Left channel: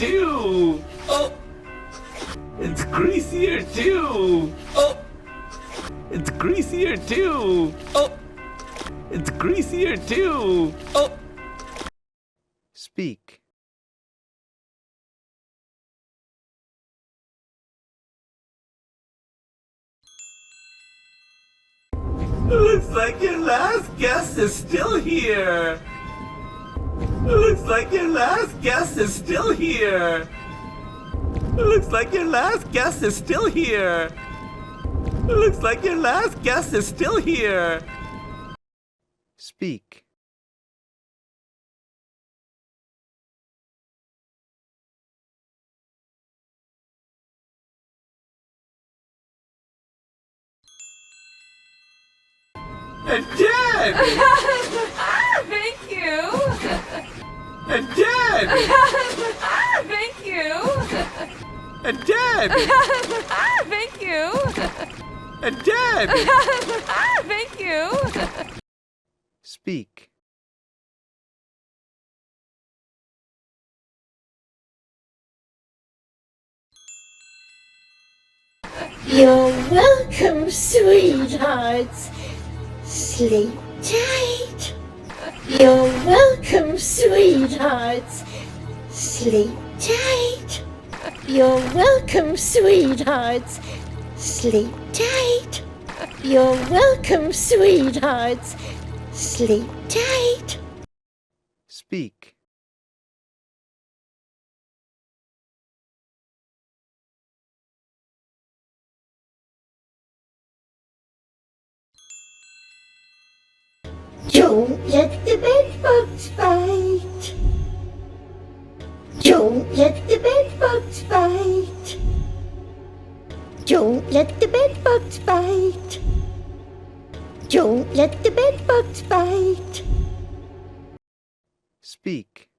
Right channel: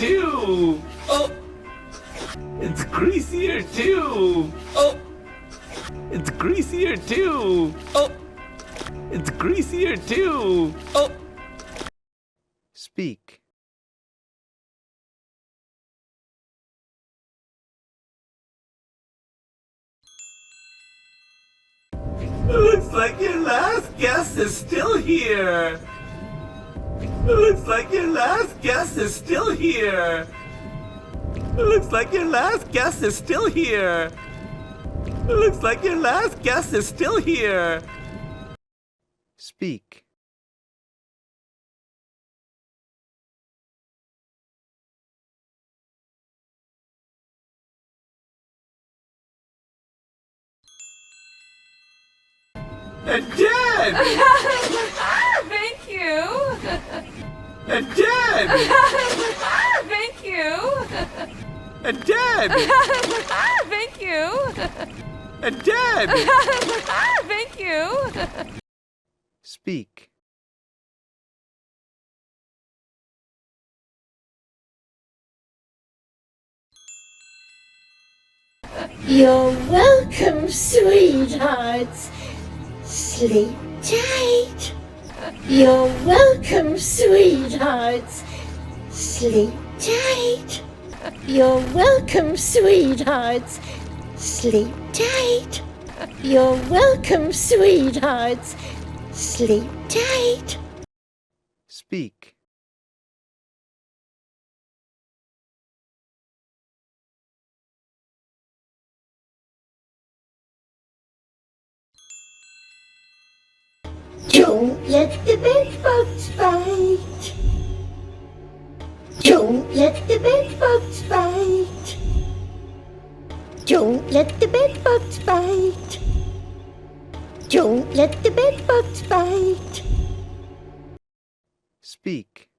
too. Oh, it's greasier too. Oh, it's greasier too. Oh, it's greasier too. Oh. Speak. Looks like your last guest is still here. Looks like your last guest is still here. Looks like your last guest is still here. Looks like your last guest is still here. Speak. Dead! Thank you. Dead! Thank you. Dead! Thank you. Dead! Thank you. Speak. You're welcome, sweethearts. Sleep tight. You're welcome, sweethearts. Sleep tight. You're welcome, sweethearts. Sleep tight. You're welcome, sweethearts. Sleep tight. Speak. Don't let the bedbugs bite. Don't let the bedbugs bite. Don't let the bedbugs bite. Don't let the bedbugs bite. Speak.